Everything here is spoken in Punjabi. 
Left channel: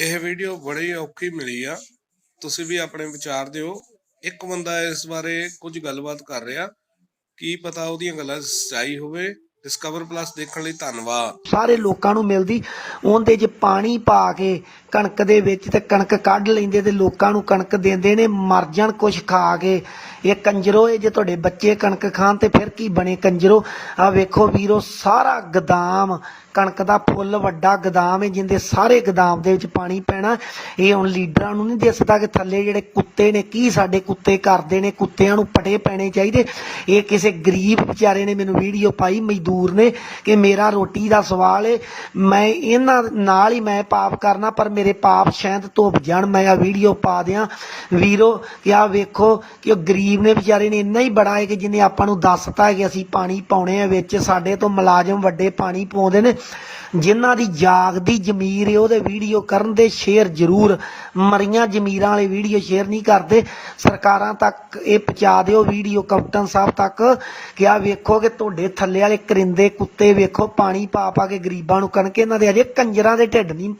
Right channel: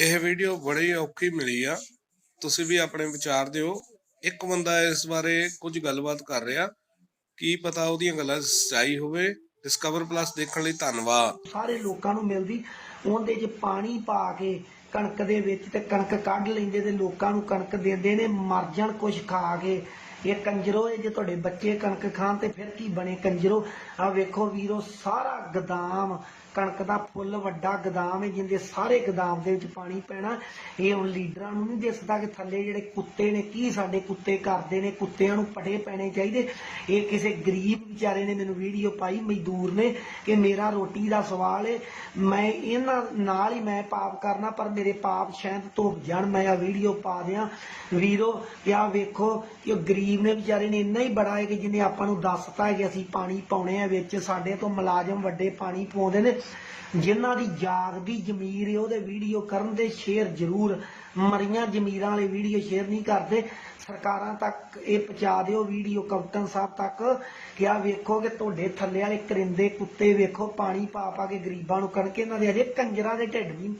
ਇਹ ਵੀਡੀਓ ਬੜੀ ਔਖੀ ਮਿਲੀ ਆ। ਤੁਸੀਂ ਵੀ ਆਪਣੇ ਵਿਚਾਰ ਦਿਓ। ਇੱਕ ਬੰਦਾ ਇਸ ਬਾਰੇ ਕੁਝ ਗੱਲਬਾਤ ਕਰ ਰਿਹਾ। ਕੀ ਪਤਾ ਉਹਦੀਆਂ ਗੱਲਾਂ 'ਚ ਸੱਚਾਈ ਹੋਵੇ। ਡਿਸਕਵਰ ਪਲੱਸ ਦੇਖਣ ਲਈ ਧੰਨਵਾਦ। ਸਾਰੇ ਲੋਕਾਂ ਨੂੰ ਮਿਲਦੀ। ਉਹਦੇ 'ਚ ਪਾਣੀ ਪਾ ਕੇ ਕਣਕ ਦੇ ਵਿੱਚ ਤੇ ਕਣਕ ਕੱਢ ਲੈਂਦੇ ਤੇ ਲੋਕਾਂ ਨੂੰ ਕਣਕ ਦਿੰਦੇ ਨੇ। ਮਰ ਜਾਣ ਕੁਛ ਖਾ ਕੇ। ਇਹ ਕੰਜਰੋ, ਇਹ ਜੇ ਤੁਹਾਡੇ ਬੱਚੇ ਕਣਕ ਖਾਣ ਤੇ ਫਿਰ ਕੀ ਬਣੇ ਕੰਜਰੋ? ਆ ਵੇਖੋ ਵੀਰੋ, ਸਾਰਾ ਗਦਾਮ, ਕਣਕ ਦਾ ਫੁੱਲ, ਵੱਡਾ ਗਦਾਮ ਹੈ, ਜਿੰਦੇ ਸਾਰੇ ਗਦਾਮ ਦੇ ਵਿੱਚ ਪਾਣੀ ਪੈਣਾ। ਇਹ ਹੁਣ ਲੀਡਰਾਂ ਨੂੰ ਨਹੀਂ ਦਿਸਦਾ ਕਿ ਥੱਲੇ ਜਿਹੜੇ ਕੁੱਤੇ ਨੇ, ਕੀ ਸਾਡੇ ਕੁੱਤੇ ਕਰਦੇ ਨੇ, ਕੁੱਤਿਆਂ ਨੂੰ ਪਟੇ ਪੈਣੇ ਚਾਹੀਦੇ। ਇਹ ਕਿਸੇ ਗਰੀਬ ਵਿਚਾਰੇ ਨੇ ਮੈਨੂੰ ਵੀਡੀਓ ਪਾਈ, ਮਜ਼ਦੂਰ ਨੇ, ਕਿ ਮੇਰਾ ਰੋਟੀ ਦਾ ਸਵਾਲ ਏ। ਮੈਂ ਇਹਨਾਂ ਨਾਲ ਹੀ ਮੈਂ ਪਾਪ ਕਰਨਾ, ਪਰ ਮੇਰੇ ਪਾਪ ਸ਼ਾਇਦ ਧੁੱਪ ਜਾਣ, ਮੈਂ ਆ ਵੀਡੀਓ ਪਾ ਦਿਆਂ। ਵੀਰੋ, ਕਿ ਆ ਵੇਖੋ ਕਿ ਉਹ ਗਰੀਬ ਨੇ ਵਿਚਾਰੇ ਨੇ ਇੰਨਾ ਹੀ ਬੜਾ ਹੈ ਕਿ ਜਿਹਨੇ ਆਪਾਂ ਨੂੰ ਦੱਸਤਾ ਕਿ ਅਸੀਂ ਪਾਣੀ ਪਾਉਣੇ ਆ ਵਿੱਚ, ਸਾਡੇ ਤੋਂ ਮੁਲਾਜ਼ਮ ਵੱਡੇ ਪਾਣੀ ਪਾਉਂਦੇ ਨੇ। ਜਿਨ੍ਹਾਂ ਦੀ ਜਾਗਦੀ ਜ਼ਮੀਰ ਹੈ, ਉਹਦੇ ਵੀਡੀਓ ਕਰਨ ਦੇ ਸ਼ੇਅਰ ਜ਼ਰੂਰ। ਮਰੀਆਂ ਜ਼ਮੀਰਾਂ ਵਾਲੇ ਵੀਡੀਓ ਸ਼ੇਅਰ ਨਹੀਂ ਕਰਦੇ। ਸਰਕਾਰਾਂ ਤੱਕ ਇਹ ਪਹੁੰਚਾ ਦਿਓ ਵੀਡੀਓ, ਕੈਪਟਨ ਸਾਹਿਬ ਤੱਕ ਕਿ ਆ ਵੇਖੋ ਕਿ ਤੁਹਾਡੇ ਥੱਲੇ ਵਾਲੇ ਕਰਿੰਦੇ ਕੁੱਤੇ ਵੇਖੋ, ਪਾਣੀ ਪਾ ਪਾ ਕੇ ਗਰੀਬਾਂ ਨੂੰ ਕਣਕ ਇਹਨਾਂ ਦੇ ਅਜੇ ਕੰਜਰਾਂ ਦੇ ਢਿੱਡ ਨਹੀਂ